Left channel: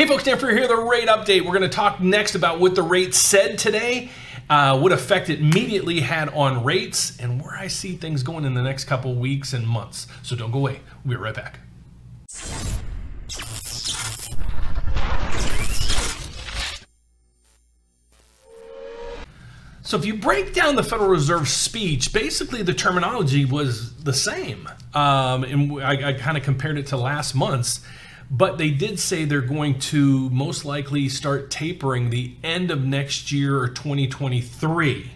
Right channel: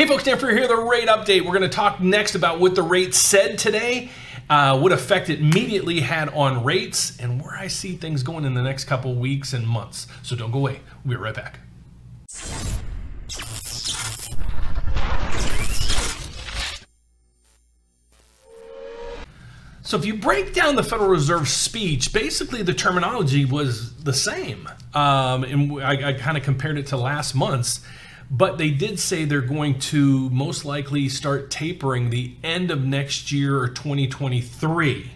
Hey folks, Dan Frio here, the rate update. We're going to talk next about what the rate said today, what effect it immediately had on rates, and where I see things going in the next couple weeks and months. So don't go away. We'll be right back. So if you break down the Federal Reserve speech, basically the terminology was the same. And I kind of compared it to last month's. But they did say they're going to most likely start tapering the end of next year or 2023.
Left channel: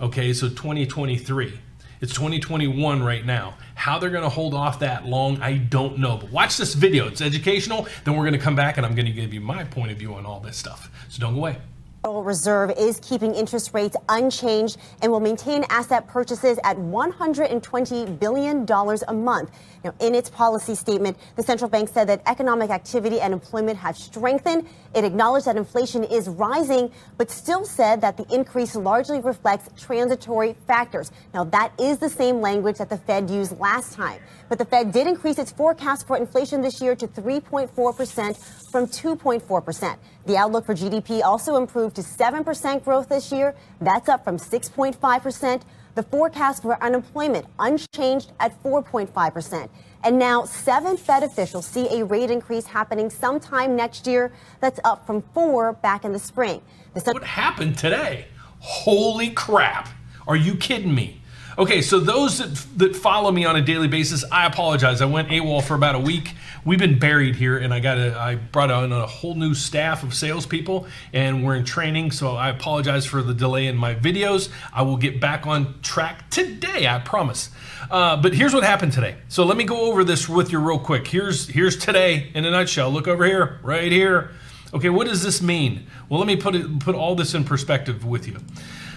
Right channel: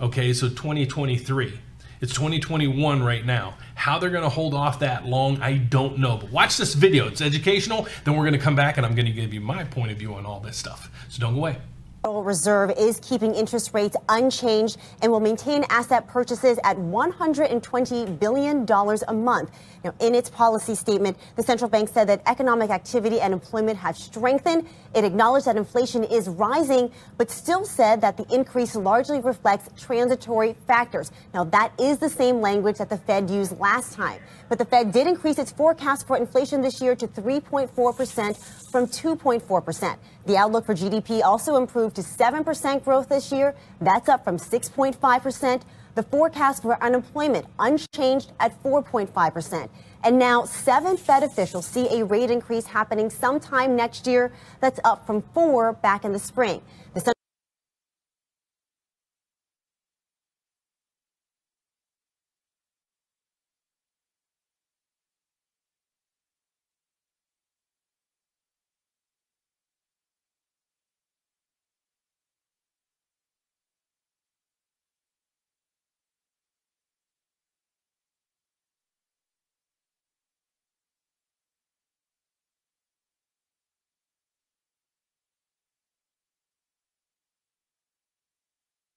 Okay, so 2023. It's 2021 right now. How they're going to hold off that long, I don't know. But watch this video. It's educational. Then we're going to come back and I'm going to give you my point of view on all this stuff. So don't go away. The Federal Reserve is keeping interest rates unchanged and will maintain asset purchases at $120 billion a month. Now, in its policy statement, the central bank said that economic activity and employment have strengthened. It acknowledged that inflation is rising, but still said that the increase largely reflects transitory factors. Now, that is the same language that the Fed used last time. But the Fed did increase its forecast for inflation this year to 3.4% from 2.4%. The outlook for GDP also improved to 7% growth this year. That's up from 6.5%. The forecast for unemployment unchanged at 4.5%. And now 7 Fed officials see a rate increase happening sometime next year. That's up from 4 back in the spring. What happened today? Holy crap. Are you kidding me? Okay, so those that follow me on a daily basis, I apologize. I went AWOL for about a week. We've been buried here, and I brought on a whole new staff of salespeople, and we're in training, so I apologize for the delay in my videos. I will get back on track today, I promise. But here's what happened today. So let me go over this with you real quick. Here's today in a nutshell. Look over here, right here. Okay, what does this mean? Well, let me put all this in perspective with you.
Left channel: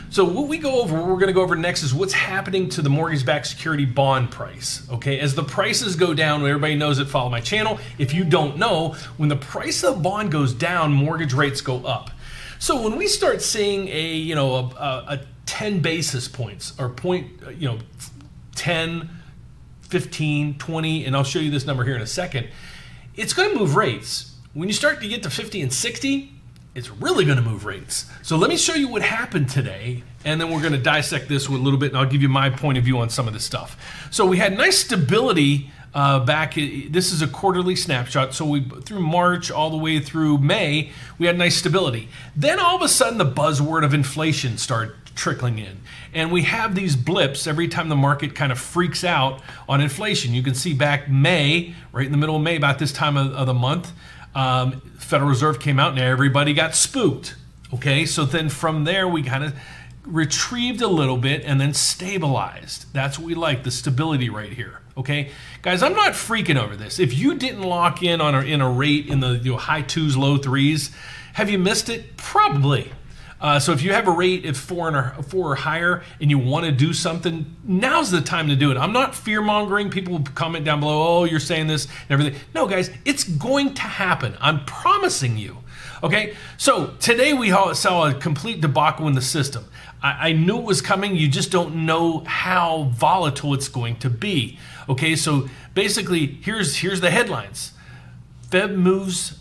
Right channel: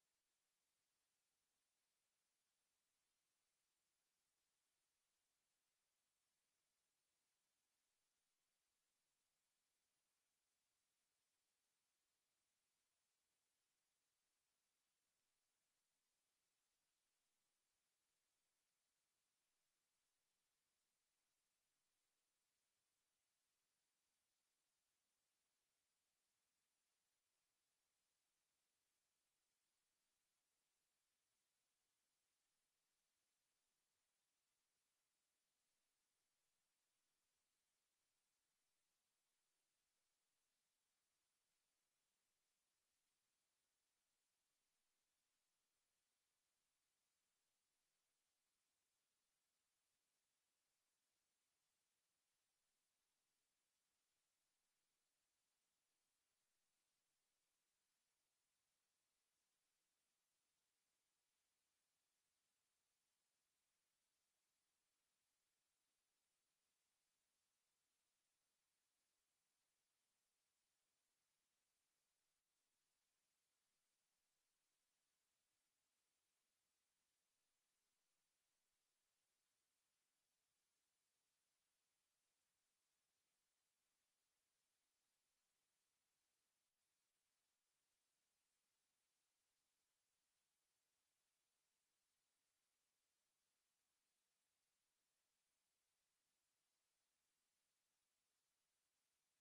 So what we're going to go over next is what's happening to the mortgage-backed security bond price. Okay, as the prices go down, everybody knows that follow my channel. If you don't know, when the price of the bond goes down, mortgage rates go up. So when we start seeing a 10 basis points or 10, 15, 20, and I'll show you this number here in a second, it's going to move rates. When you start to get to 50 and 60, it's really going to move rates. So let me show you what happened today, and then we're going to dissect this a little bit, and I'll give you my point of view on some of this stuff. So we had nice stability back. This is a quarterly snapshot. So through March all the way through May, we had nice stability. Then all of a sudden, the buzzword of inflation started trickling in. And we have these blips every time the market kind of freaks out on inflation. You can see back May, right in the middle of May, about this time of the month, Federal Reserve came out and everybody got spooked. Okay, so then from there we kind of retrieved a little bit and then stabilized. That's what we like, the stability right here. Okay, guys, I'm not freaking over this. If you didn't lock in on in a rate in the high 2s, low 3s, have you missed it? Probably. So if you have a rate of 4 or higher and you want to do something, now's the time to do it. I'm not fear-mongering. People will comment down below, oh, you're saying this and everything. No, guys, it's going to happen. I'm promising you. Okay, so today we saw a complete debacle in the system. I knew it was coming. You just don't know how volatile it's going to be. Okay, so basically, here's the headlines. Fed moves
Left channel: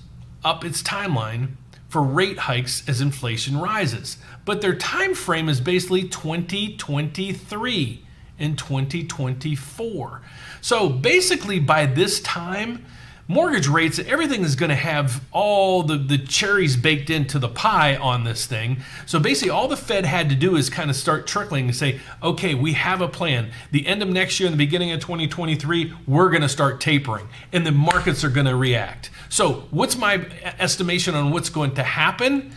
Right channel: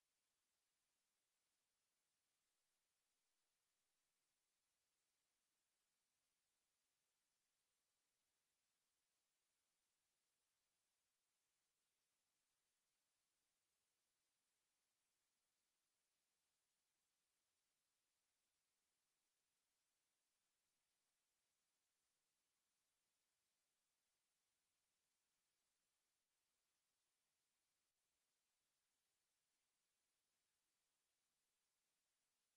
up its timeline for rate hikes as inflation rises. But their time frame is basically 2023 and 2024. So basically by this time, mortgage rates, everything is going to have all the cherries baked into the pie on this thing. So basically all the Fed had to do is kind of start trickling and say, okay, we have a plan. The end of next year and the beginning of 2023, we're going to start tapering and the markets are going to react. So what's my estimation on what's going to happen?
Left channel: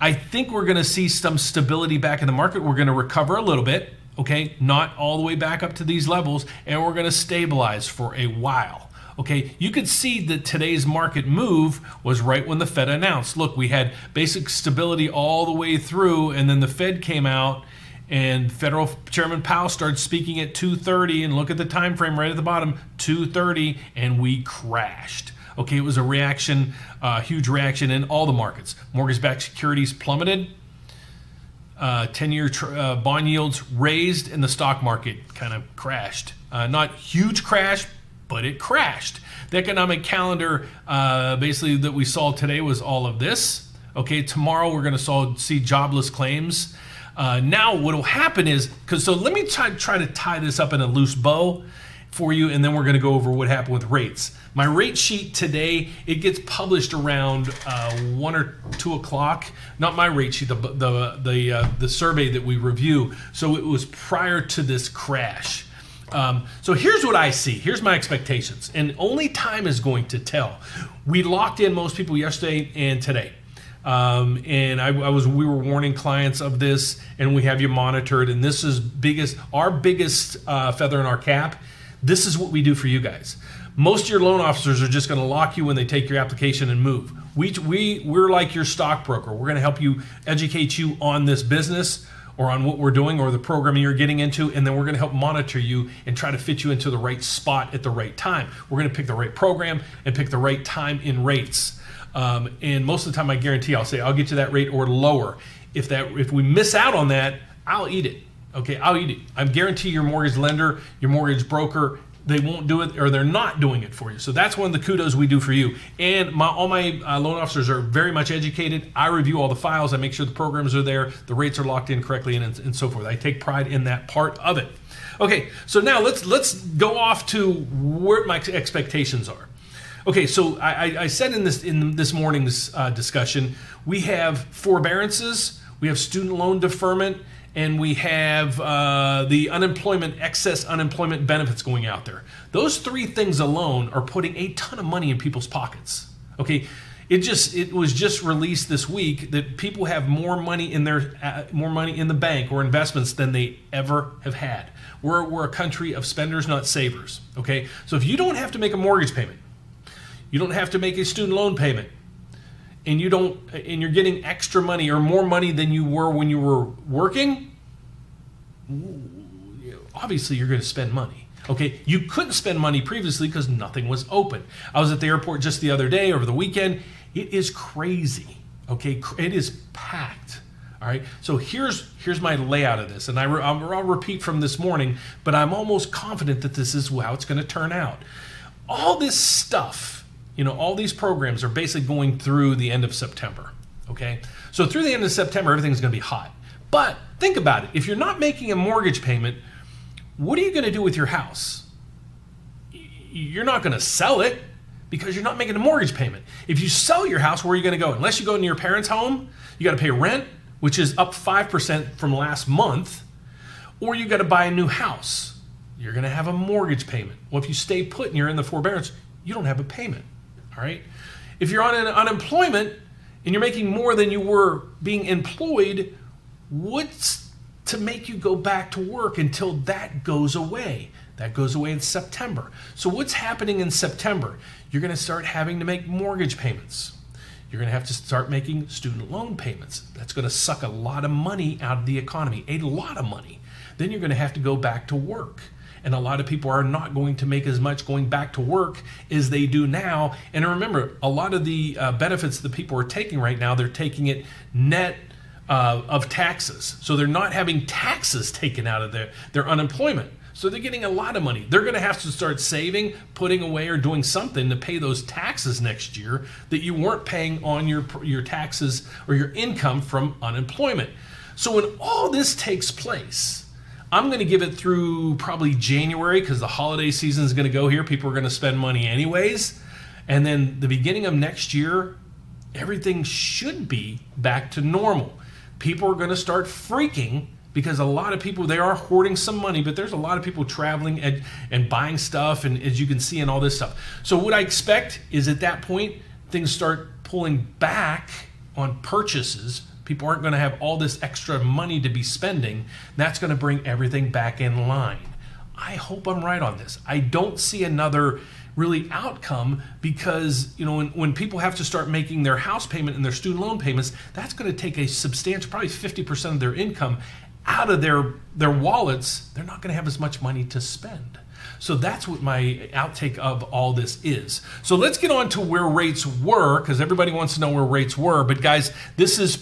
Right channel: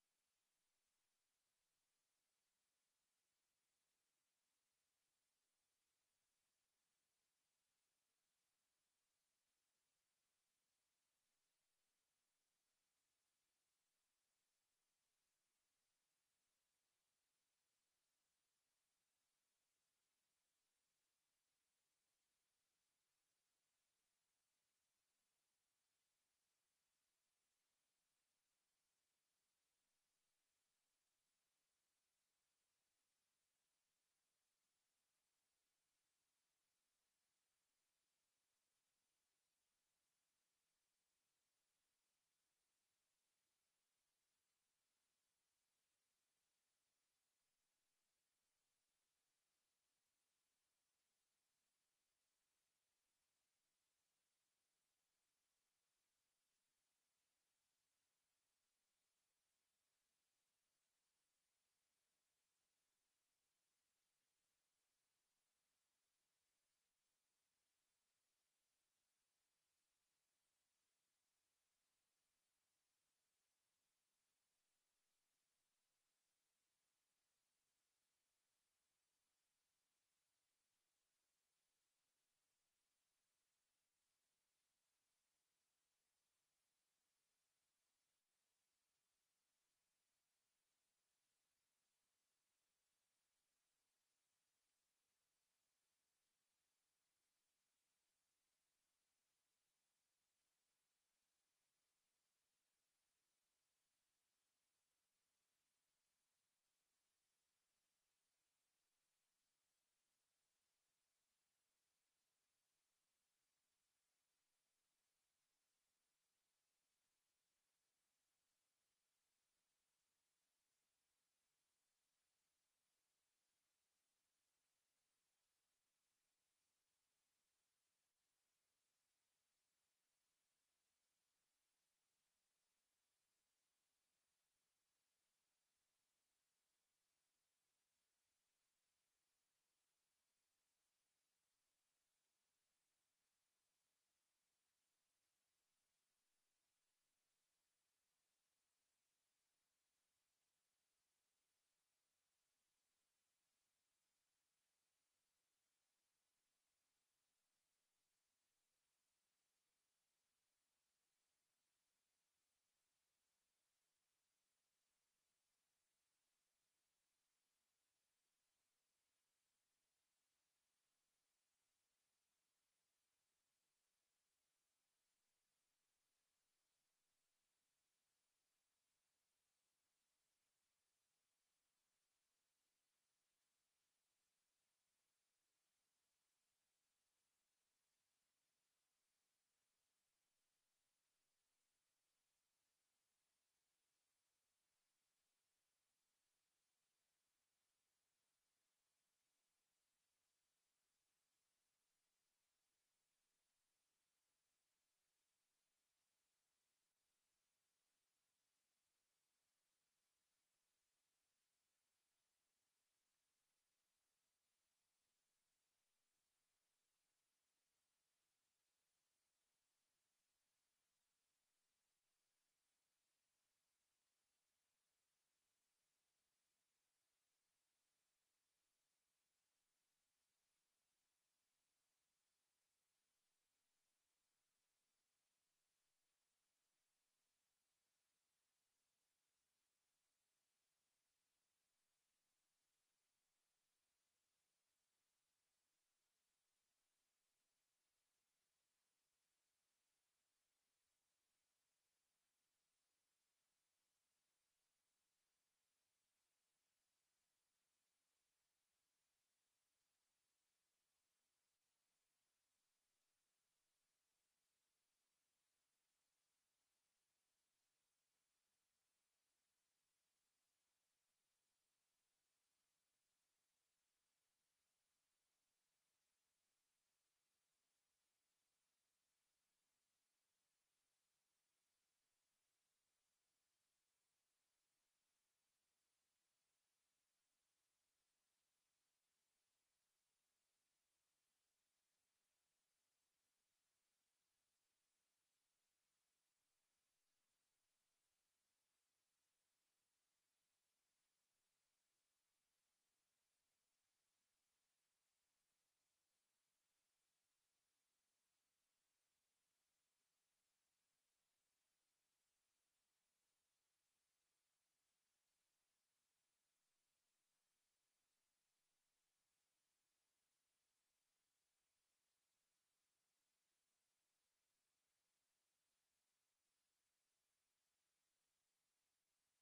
I think we're going to see some stability back in the market. We're going to recover a little bit, okay? Not all the way back up to these levels, and we're going to stabilize for a while. Okay, you could see that today's market move was right when the Fed announced. Look, we had basic stability all the way through, and then the Fed came out, and Federal Chairman Powell started speaking at 2:30, and look at the time frame right at the bottom, 2:30, and we crashed. Okay, it was a reaction, huge reaction in all the markets. Mortgage-backed securities plummeted. 10-year bond yields raised, and the stock market kind of crashed. Not huge crash, but it crashed. The economic calendar basically that we saw today was all of this. Okay, tomorrow we're going to see jobless claims. Now what will happen is, so let me try to tie this up in a loose bow for you, and then we're going to go over what happened with rates. My rate sheet today, it gets published around 1 or 2 o'clock. Not my rate sheet, the survey that we review. So it was prior to this crash. So here's what I see. Here's my expectations, and only time is going to tell. We locked in most people yesterday and today. And we were warning clients of this, and we have you monitored. And this is our biggest feather in our cap. This is what we do for you guys. Most of your loan officers are just going to lock you when they take your application and move. We're like your stockbroker. We're going to help you, educate you on this business or on what we're doing or the program you're getting into, and then we're going to help monitor you and try to fit you into the right spot at the right time. We're going to pick the right program and pick the right time in rates. And most of the time, I guarantee I'll say I'll get you that rate or lower. If we miss out on that, I'll eat it. Okay, I'll eat it. I guarantee your mortgage lender, your mortgage broker, they won't do it, or they're not doing it for you. So that's one of the kudos we do for you. And all my loan officers are very much educated. I review all the files. I make sure the programs are there, the rates are locked in correctly, and so forth. I take pride in that part of it. Okay, so now let's go off to where my expectations are. Okay, so I said in this morning's discussion, we have forbearances, we have student loan deferment, and we have the excess unemployment benefits going out there. Those 3 things alone are putting a ton of money in people's pockets. Okay, it was just released this week that people have more money in the bank or investments than they ever have had. We're a country of spenders, not savers. Okay, so if you don't have to make a mortgage payment, you don't have to make a student loan payment, and you're getting extra money or more money than you were when you were working, obviously you're going to spend money. Okay, you couldn't spend money previously because nothing was open. I was at the airport just the other day, over the weekend. It is crazy. Okay, it is packed. All right, so here's my layout of this, and I'll repeat from this morning, but I'm almost confident that this is how it's going to turn out. All this stuff, all these programs are basically going through the end of September, okay? So through the end of September, everything's going to be hot. But think about it. If you're not making a mortgage payment, what are you going to do with your house? You're not going to sell it because you're not making a mortgage payment. If you sell your house, where are you going to go? Unless you go into your parents' home, you got to pay rent, which is up 5% from last month, or you got to buy a new house. You're going to have a mortgage payment. Well, if you stay put and you're in the forbearance, you don't have a payment. All right. If you're on unemployment and you're making more than you were being employed, what's to make you go back to work until that goes away? That goes away in September. So what's happening in September? You're going to start having to make mortgage payments. You're going to have to start making student loan payments. That's going to suck a lot of money out of the economy, a lot of money. Then you're going to have to go back to work. And a lot of people are not going to make as much going back to work as they do now. And remember, a lot of the benefits that people are taking right now, they're taking it net of taxes. So they're not having taxes taken out of their unemployment. So they're getting a lot of money. They're going to have to start saving, putting away, or doing something to pay those taxes next year that you weren't paying on your taxes or your income from unemployment. So when all this takes place, I'm going to give it through probably January because the holiday season is going to go here. People are going to spend money anyways. And then the beginning of next year, everything should be back to normal. People are going to start freaking because a lot of people, they are hoarding some money, but there's a lot of people traveling and buying stuff, and as you can see, and all this stuff. So what I expect is at that point, things start pulling back on purchases. People aren't going to have all this extra money to be spending. That's going to bring everything back in line. I hope I'm right on this. I don't see another really outcome because, when people have to start making their house payment and their student loan payments, that's going to take a substantial, probably 50% of their income out of their wallets. They're not going to have as much money to spend. So that's what my outtake of all this is. So let's get on to where rates were, because everybody wants to know where rates were. But guys, this is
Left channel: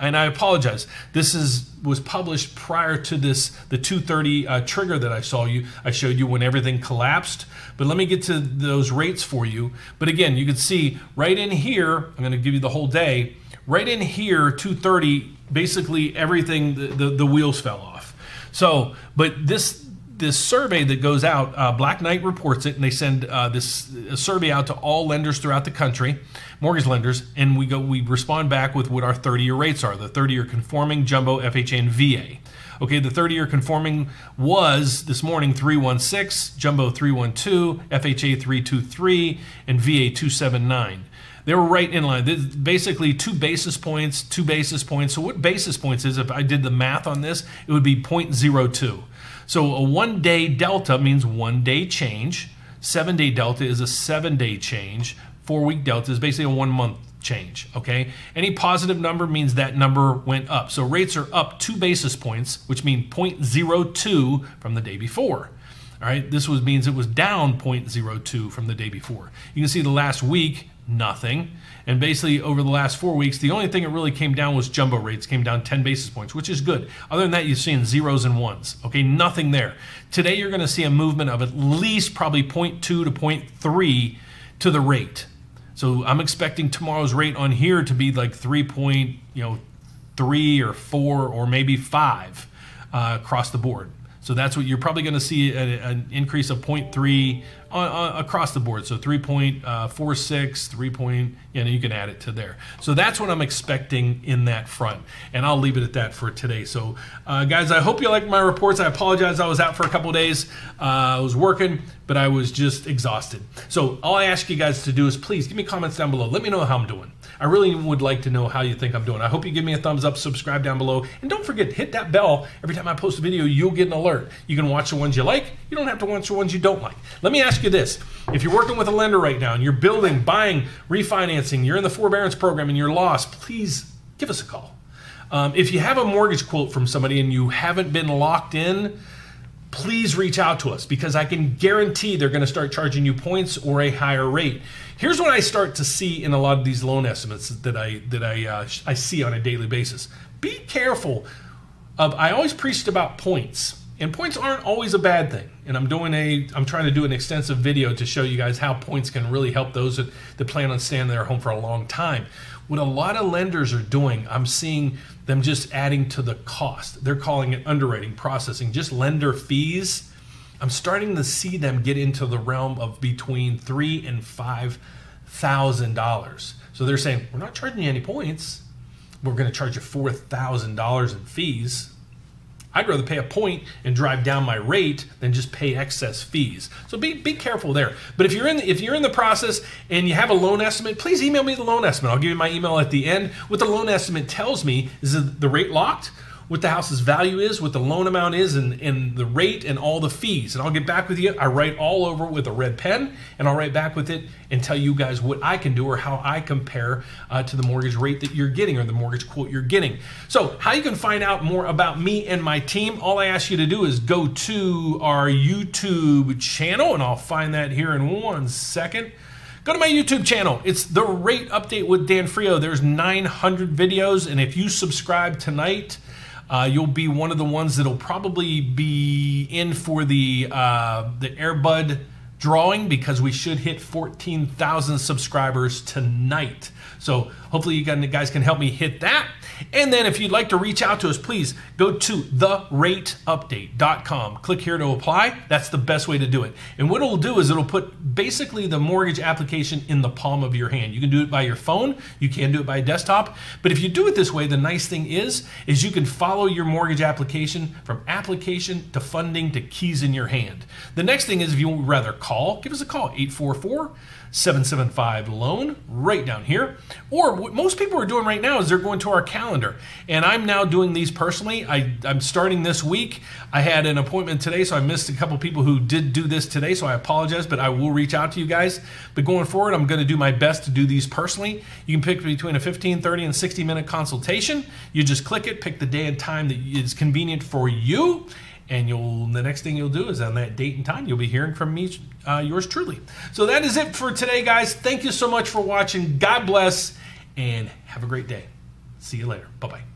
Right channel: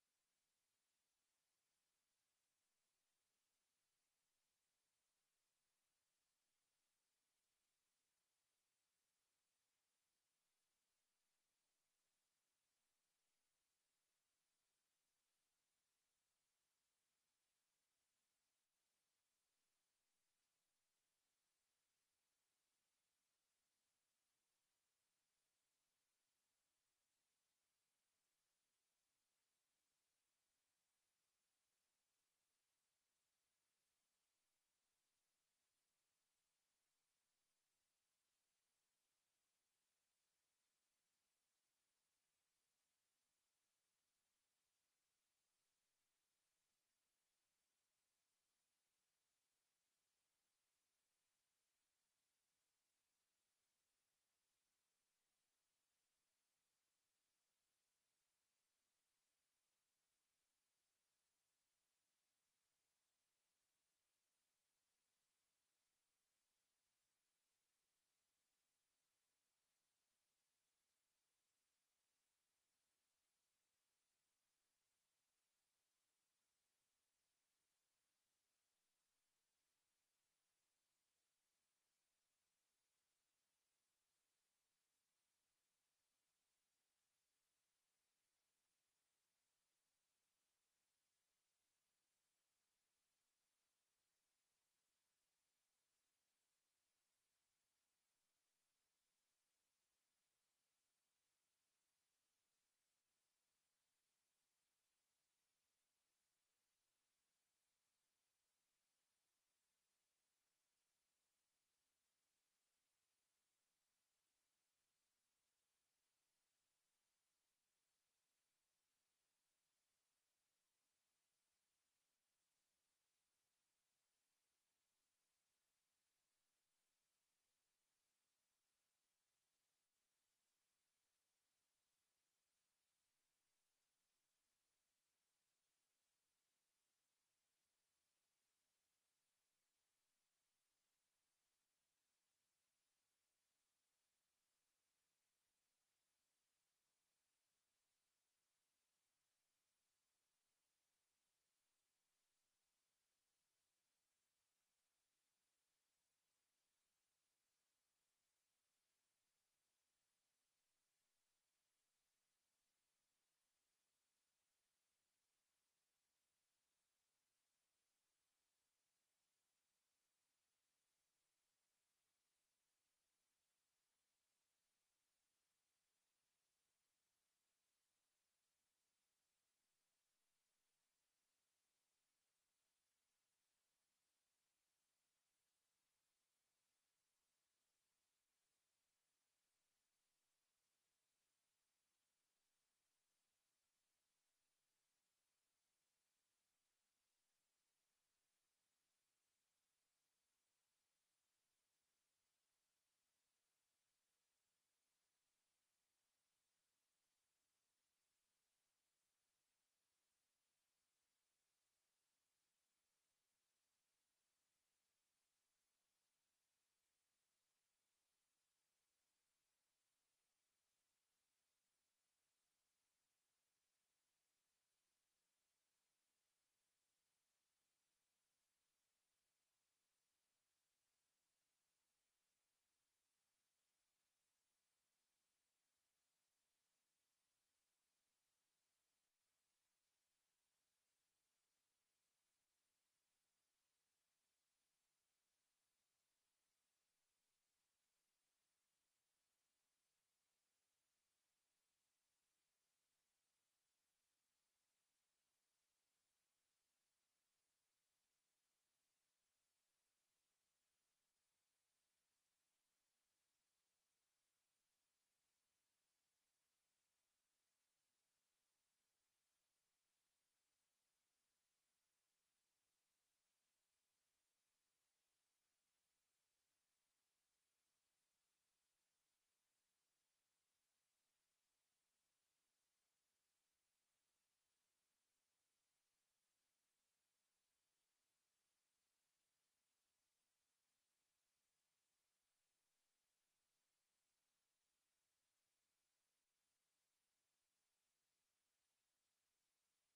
and I apologize, this was published prior to the 230 trigger that I showed you when everything collapsed. But let me get to those rates for you. But again, you can see right in here, I'm going to give you the whole day. Right in here, 230, basically everything, the wheels fell off. So, but this survey that goes out, Black Knight reports it, and they send a survey out to all lenders throughout the country, mortgage lenders, and we respond back with what our 30-year rates are, the 30-year conforming, jumbo, FHA, and VA. Okay, the 30-year conforming was this morning 316, jumbo 312, FHA 323, and VA 279. They were right in line. Basically 2 basis points, 2 basis points. So what basis points is, if I did the math on this, it would be 0.02. So a 1-day delta means 1 day change. 7-day delta is a 7-day change. 4-week delta is basically a 1-month change, okay? Any positive number means that number went up. So rates are up 2 basis points, which means 0.02 from the day before. All right, this means it was down 0.02 from the day before. You can see the last week, nothing. And basically over the last 4 weeks, the only thing that really came down was jumbo rates, came down 10 basis points, which is good. Other than that, you're seeing zeros and ones, okay? Nothing there. Today, you're gonna see a movement of at least probably 0.2 to 0.3 to the rate. So I'm expecting tomorrow's rate on here to be like 3 or 4 or maybe 5 across the board. So that's what you're probably going to see, an increase of 0.3 across the board. So 3.46, 3. You can add it to there. So that's what I'm expecting in that front. And I'll leave it at that for today. So guys, I hope you like my reports. I apologize. I was out for a couple of days. I was working, but I was just exhausted. So all I ask you guys to do is please give me comments down below. Let me know how I'm doing. I really would like to know how you think I'm doing. I hope you give me a thumbs up, subscribe down below, and don't forget, hit that bell. Every time I post a video, you'll get an alert. You can watch the ones you like. You don't have to watch the ones you don't like. Let me ask you this. If you're working with a lender right now and you're building, buying, refinancing, you're in the forbearance program and you're lost, please give us a call. If you have a mortgage quote from somebody and you haven't been locked in, please reach out to us, because I can guarantee they're going to start charging you points or a higher rate. Here's what I start to see in a lot of these loan estimates that I see on a daily basis. Be careful of, I always preached about points, and points aren't always a bad thing. And I'm trying to do an extensive video to show you guys how points can really help those that plan on staying in their home for a long time. What a lot of lenders are doing, I'm seeing them just adding to the cost. They're calling it underwriting, processing, just lender fees. I'm starting to see them get into the realm of between $3,000 and $5,000. So they're saying, we're not charging you any points. We're going to charge you $4,000 in fees. I'd rather pay a point and drive down my rate than just pay excess fees. So be careful there. But if you're in the process and you have a loan estimate, please email me the loan estimate. I'll give you my email at the end. What the loan estimate tells me is the rate locked, what the house's value is, what the loan amount is, and the rate and all the fees. And I'll get back with you. I write all over with a red pen, and I'll write back with it and tell you guys what I can do or how I compare to the mortgage rate that you're getting or the mortgage quote you're getting. So how you can find out more about me and my team, all I ask you to do is go to our YouTube channel, and I'll find that here in 1 second. Go to my YouTube channel. It's the Rate Update with Dan Frio. There's 900 videos, and if you subscribe tonight, you'll be one of the ones that'll probably be in for the Airbud drawing, because we should hit 14,000 subscribers tonight. So hopefully you guys can help me hit that. And then if you'd like to reach out to us, please go to therateupdate.com. Click here to apply. That's the best way to do it. And what it'll do is it'll put basically the mortgage application in the palm of your hand. You can do it by your phone. You can do it by desktop. But if you do it this way, the nice thing is you can follow your mortgage application from application to funding to keys in your hand. The next thing is, if you would rather call, give us a call, 844-775-LOAN, right down here. Or what most people are doing right now is they're going to our calendar. And I'm now doing these personally. I'm starting this week. I had an appointment today, so I missed a couple people who did do this today, so I apologize, but I will reach out to you guys. But going forward, I'm going to do my best to do these personally. You can pick between a 15, 30, and 60-minute consultation. You just click it, pick the day and time that is convenient for you, And the next thing you'll do is on that date and time, you'll be hearing from me, yours truly. So that is it for today, guys. Thank you so much for watching. God bless, and have a great day. See you later. Bye-bye.